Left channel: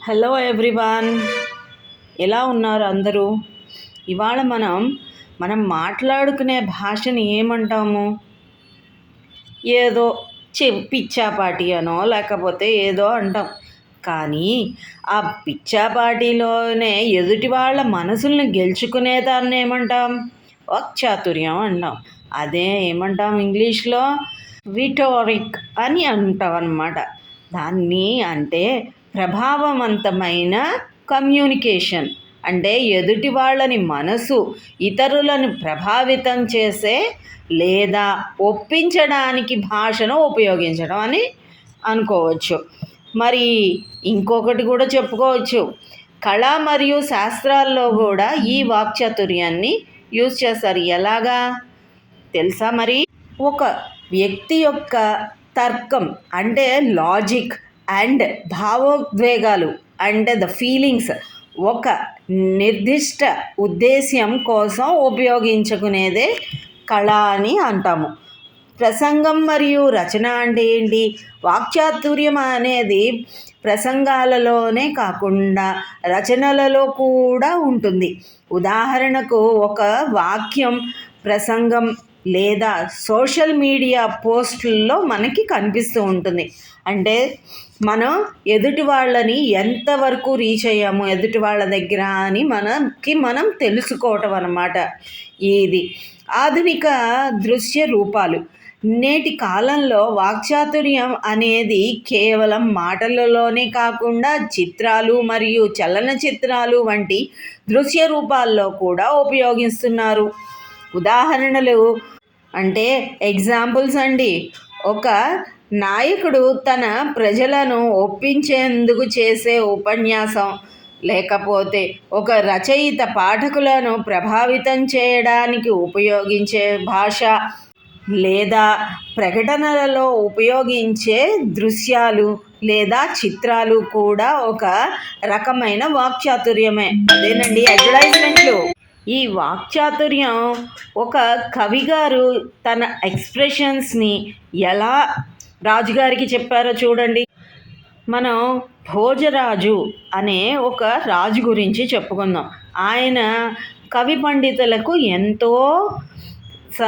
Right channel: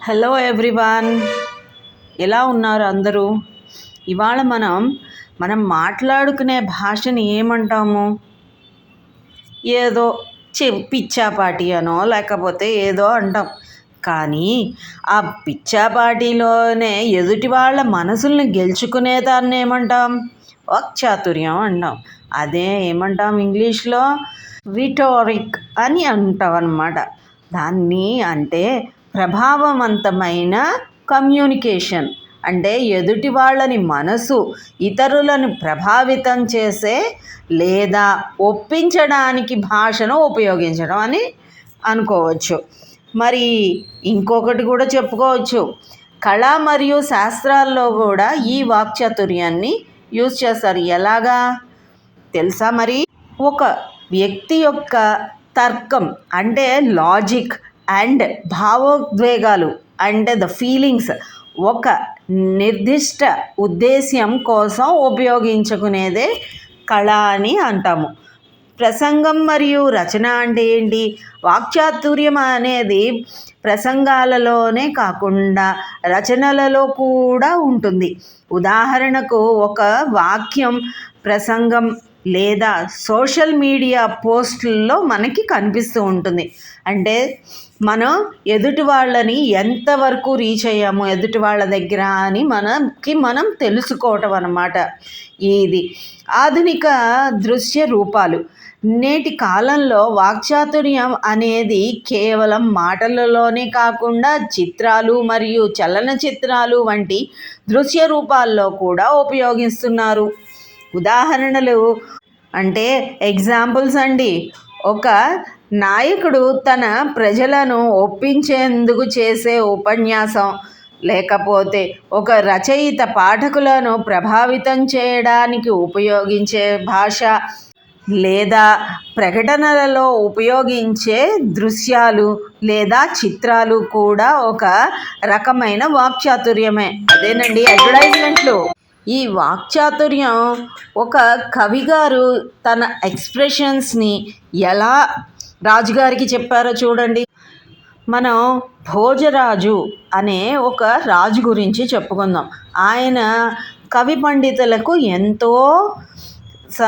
Hello everyone ఎలా ఉన్నారు అందరూ? ఇవాళ మనం మనం మాట్లాడుకునే భాషని ఏమంటాము? ఏదో చె పిచ్చాపాటి అనో లేకపోతే ఏదో అంటాం. కానీ ఆ పిచ్చాపాటిలోనే ఎదుటి వాళ్ళ మనసుల్ని గెలుచుకునేదాన్ని ఏమంటాం? వాక్చాతుర్యం అంటాం. అదే ఏమంటాం ఇంగ్లీష్లో? విటోరిక్ అని అంటాం అన్నమాట. దాన్ని అంటే ప్రభావవంతమైన కమ్యూనికేషన్ అంటే ఎదుటి వాళ్ళని మనసు ఇతరులను ప్రభావితం చేసే లేదా ఒప్పించడానికి భాషను ఉపయోగించడం అని అనుకోవచ్చు. మరి ఇంకొకటి కూడా చెప్పుకోవచ్చు. కళ మరియు శాస్త్రాల్లో కూడా ఈ వాక్చాతుర్యాన్ని యూజ్ చేస్తారు. ఎలాగా? తెలుసా మరి? ఒక వ్యక్తి యొక్క తర్కం అంటే లాజిక్ అండ్ భావోద్వేగాలు అండ్ ద ఫీలింగ్స్ ఒక నిర్దిష్ట ఉద్దేశ్యం కోసం ఉపయోగించుకునేదే కళ అని అంటాము. ప్రసంగం మరియు రచన అంటే ఏంటి? వాక్చాతుర్యం అనేది ప్రసంగాలలోనే కాకుండా రచనలలో కూడా ఉంటుంది. ఉదాహరణకు ఒక వాక్యం ప్రసంగం లేదా సోషల్ మీడియా పోస్టుల్లో మనకి కనిపిస్తూ ఉంటుంది. అంటే మనం ఎదుటి వాళ్ళని ఎంతవరకు రీచ్ అయ్యాము ఎదుటి వాళ్ళ దగ్గర అని మనకి మనం తెలుసుకోవటం అన్నమాట ఇది ఆధునిక దృశ్య రూపాలు. నేటి కాలంలో వాక్చాతుర్యం అనేది కేవలం మాటలలోనే కాకుండా చిత్రాలు మరియు చలనచిత్రాలు వంటి దృశ్య రూపాల్లో కూడా ఉపయోగిస్తున్నారు. ఉదాహరణలు అంటే ఎగ్జాంపుల్స్ అండి. ఒక నాయకుడు తన ప్రజలను ఒప్పించేందుకు చేసే ఉపన్యాసం లేకపోతే ఒక రచయిత పాఠకులను ప్రభావితం చేయడానికి ఉపయోగించే భాష లేదా ప్రకటనలలో ఉపయోగించే దృశ్యాలు లేదా చిత్రాలు కూడా ఒక రకమైన వాక్చాతుర్యమే. అదేనండి అడ్వర్టైజ్మెంట్లు ఈ వాక్చాతుర్యం ఒక కవిగారు తన ఎక్స్ప్రెషన్స్ని ఎలా రాజుగారికి చెప్పారో చూడండి. మనం భోజరాజు అనే ఒక రాజు గురించి చెప్పుకుందాం. ఆయన కవి పండితులకు ఎంతో స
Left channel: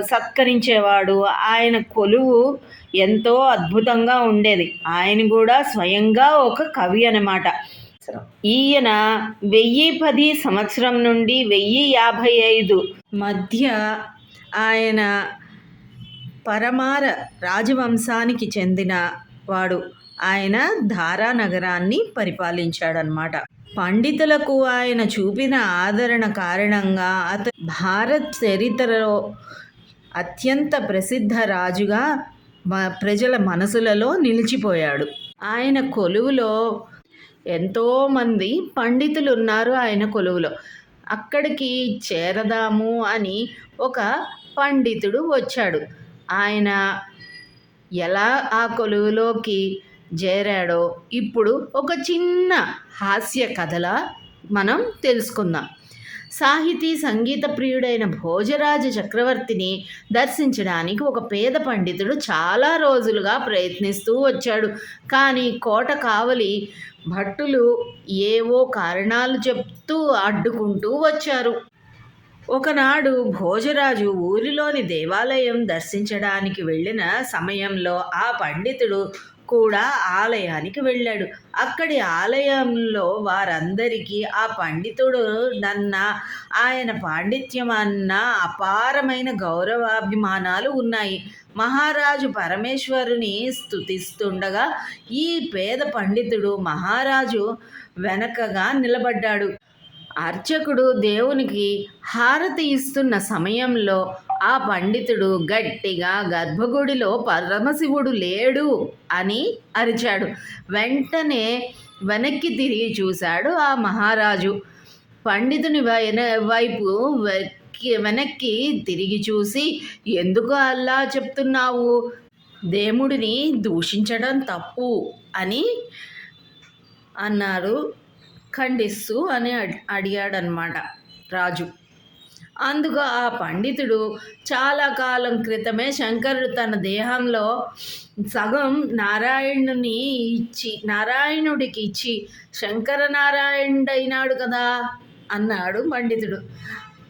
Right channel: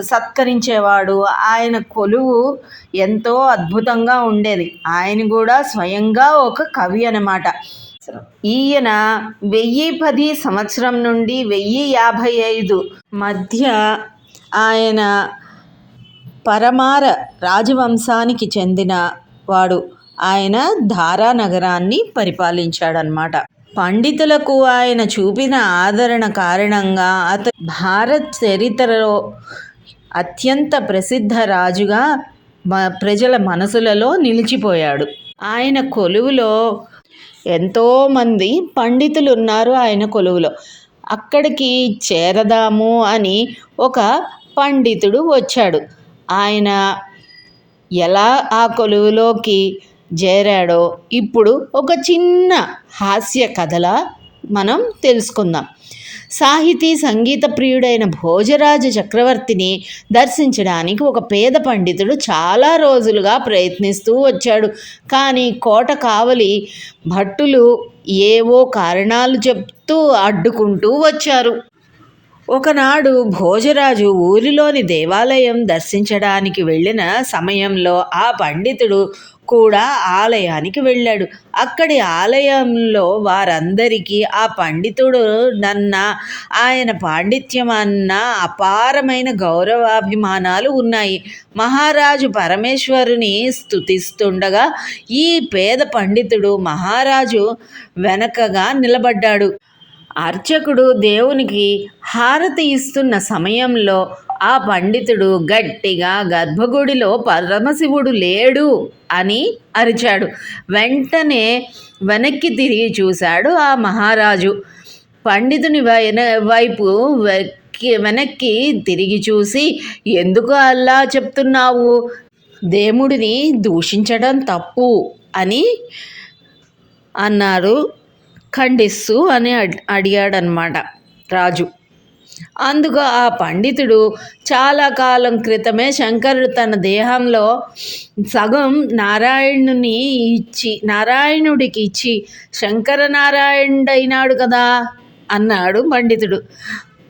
సత్కరించేవాడు. ఆయన కొలువు ఎంతో అద్భుతంగా ఉండేది. ఆయన కూడా స్వయంగా ఒక కవి సంవత్సరం. ఈయన వెయ్యి పది సంవత్సరం నుండి వెయ్యి యాభై ఐదు మధ్య ఆయన పరమార రాజవంశానికి చెందిన వాడు. ఆయన ధారా నగరాన్ని పరిపాలించాడనమాట పండితులకు ఆయన చూపిన ఆదరణ కారణంగా అత భారత్ చరిత్రలో అత్యంత ప్రసిద్ధ రాజుగా ప్రజల మనసులలో నిలిచిపోయాడు. ఆయన కొలువులో ఎంతోమంది పండితులు ఉన్నారు ఆయన కొలువులో. అక్కడికి చేరదాము అని ఒక పండితుడు వచ్చాడు. ఆయన ఎలా ఆ కొలువులోకి చేరాడో ఇప్పుడు ఒక చిన్న హాస్య కథలా మనం తెలుసుకుందాం. సాహితీ సంగీత ప్రియుడైన భోజరాజ చక్రవర్తిని దర్శించడానికి ఒక పేద పండితుడు చాలా రోజులుగా ప్రయత్నిస్తూ వచ్చాడు. కానీ కోట కావలి భట్టులు ఏవో కారణాలు చెప్తూ అడ్డుకుంటూ వచ్చారు. ఒకనాడు భోజరాజు ఊరిలోని దేవాలయం దర్శించడానికి వెళ్ళిన సమయంలో ఆ పండితుడు కూడా ఆలయానికి వెళ్ళాడు. అక్కడి ఆలయంలో వారందరికీ ఆ పండితుడు నన్న ఆయన పాండిత్యం అన్న అపారమైన గౌరవాభిమానాలు ఉన్నాయి. మహారాజు పరమేశ్వరుని స్థుతిస్తుండగా ఈ పేద పండితుడు మహారాజు వెనకగా నిలబడ్డాడు. అర్చకుడు దేవునికి హారతి ఇస్తున్న సమయంలో ఆ పండితుడు గట్టిగా గర్భగుడిలో పరమశివుడు లేడు అని అరిచాడు. వెంటనే వెనక్కి తిరిగి చూశాడు ఆ మహారాజు. పండితుని వైపు వెనక్కి తిరిగి చూసి ఎందుకు అలా చెప్తున్నావు? దేవుడిని దూషించడం తప్పు అని అన్నారు. ఖండిస్తూ అని అడిగాడనమాట రాజు. అందుకు ఆ పండితుడు చాలా కాలం క్రితమే శంకరుడు తన దేహంలో సగం నారాయణుని ఇచ్చి నారాయణుడికి ఇచ్చి శంకర నారాయణుడైనాడు కదా అన్నాడు పండితుడు.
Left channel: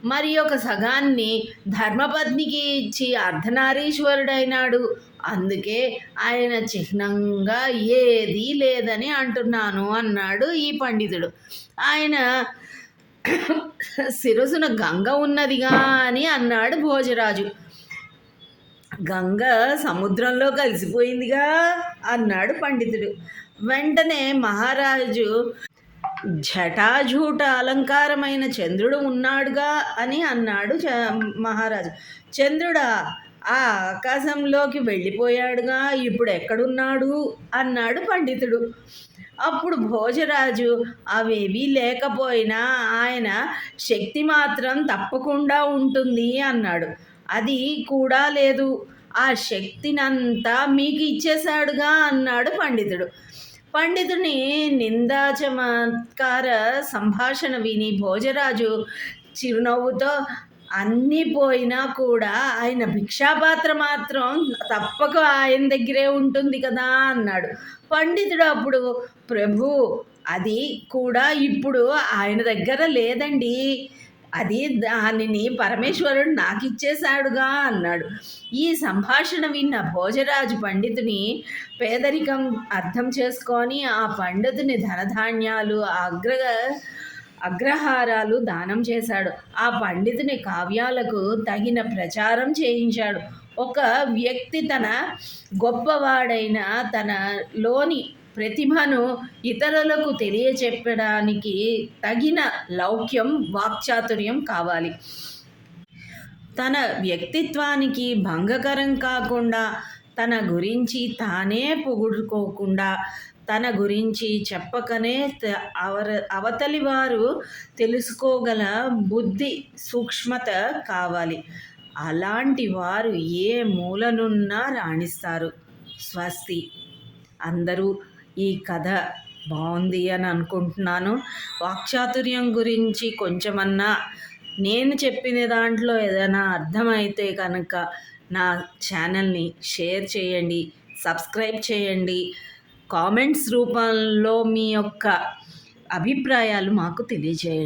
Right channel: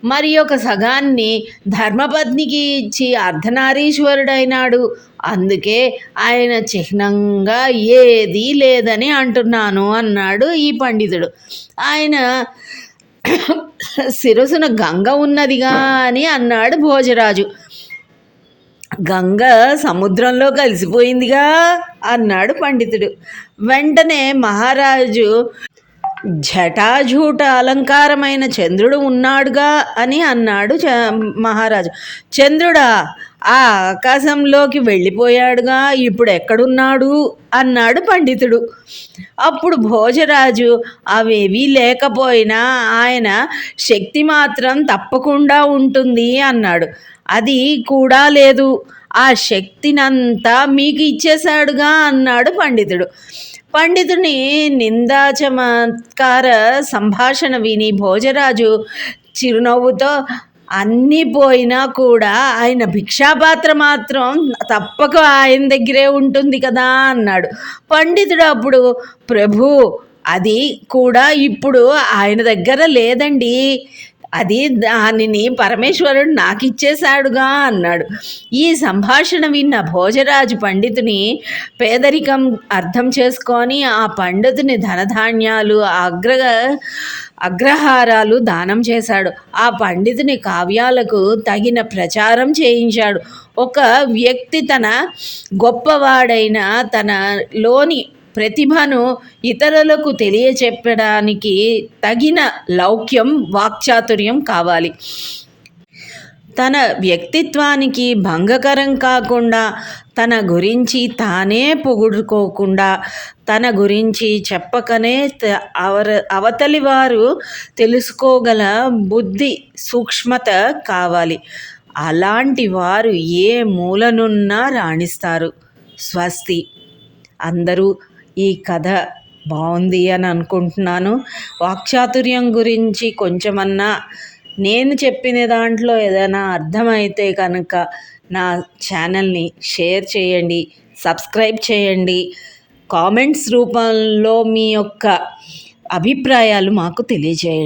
మరి ఒక సగాన్ని ధర్మపత్నికి ఇచ్చి అర్ధనారీశ్వరుడైనాడు. అందుకే ఆయన చిహ్నంగా ఏదీ లేదని అంటున్నాను అన్నాడు ఈ పండితుడు. ఆయన శిరసున గంగ ఉన్నదిగా అని అన్నాడు భోజరాజు. గంగ సముద్రంలో కలిసిపోయిందిగా అన్నాడు పండితుడు. వెంటనే మహారాజు జటాజూట అలంకారమైన చంద్రుడు ఉన్నాడుగా అని అన్నాడు చ మహారాజు. చంద్రుడా ఆ ఆకాశంలోకి వెళ్ళిపోయాడుగా ఇప్పుడు ఎక్కడున్నాడు అన్నాడు పండితుడు. అప్పుడు భోజరాజు అవేవీ లేకపోయినా ఆయన శక్తి మాత్రం తప్పకుండా ఉంటుంది అన్నాడు. అది కూడా లేదు. ఆ శక్తినంతా మీకు ఇచ్చేశాడుగా అన్నాడు పండితుడు. పండితుని నిందాచమత్కార సంభాషణ విని భోజరాజు చిరునవ్వుతో అన్నీ పోయినా కూడా ఆయన భిక్షాపాత్ర మాత్రం తప్పక ఆయన దగ్గరే ఉంటుంది కదా అన్నాడు. పండితుడు అప్పుడు ప్రభు అది కూడా ఇప్పుడు ఆయన దగ్గర లేదండి. అది దానిని పరమేశ్వరుడు నాకు ఇచ్చేశాడుగా అన్నాడు. ఈ సంభాషణ విన్న భోజరాజు పండితుని పేదరికం అర్థం చేసుకొని ఆ పండితుని ధనధాన్యాలు అగ్ర అగ్రహారాలు దానం చేశాడు. ఆ పండితుని కావ్యాలకు తగిన ప్రచారం చేయించాడు. ఒక వ్యక్తి తన గొప్పవాడైన తన లోని ప్రతిభను ఇతరులకు తెలియచెప్పడానికి తగిన లౌక్యం వాక్చాతుర్యం కావాలి. తన వ్యక్తిత్వానికి భంగకరం కాకుండా తన గురించి తానే పొగుడుకోకుండా తన గురించి చెప్పకనే అవర అవతలి వారు తెలుసుకోగల బుద్ధి సూక్ష్మత కావాలి. అలాంటి వారు ఏ మూలనున్నా రాణిస్తారు. స్వస్తి. అందరూ ఈ కథ బాగుంది అని అనుకుంటున్నాను. వాక్చాతుర్యం గురించి కొంచెమన్నా నేను చెప్పిన దాంట్లో ఏదైనా అర్థమైతే కనుక నా ఛానల్ని షేర్ చేయండి సబ్స్క్రైబ్ చేయండి. కామెంట్స్ రూపంలో మీ యొక్క అభిప్రాయాలు మాకు తెలియజేయండి.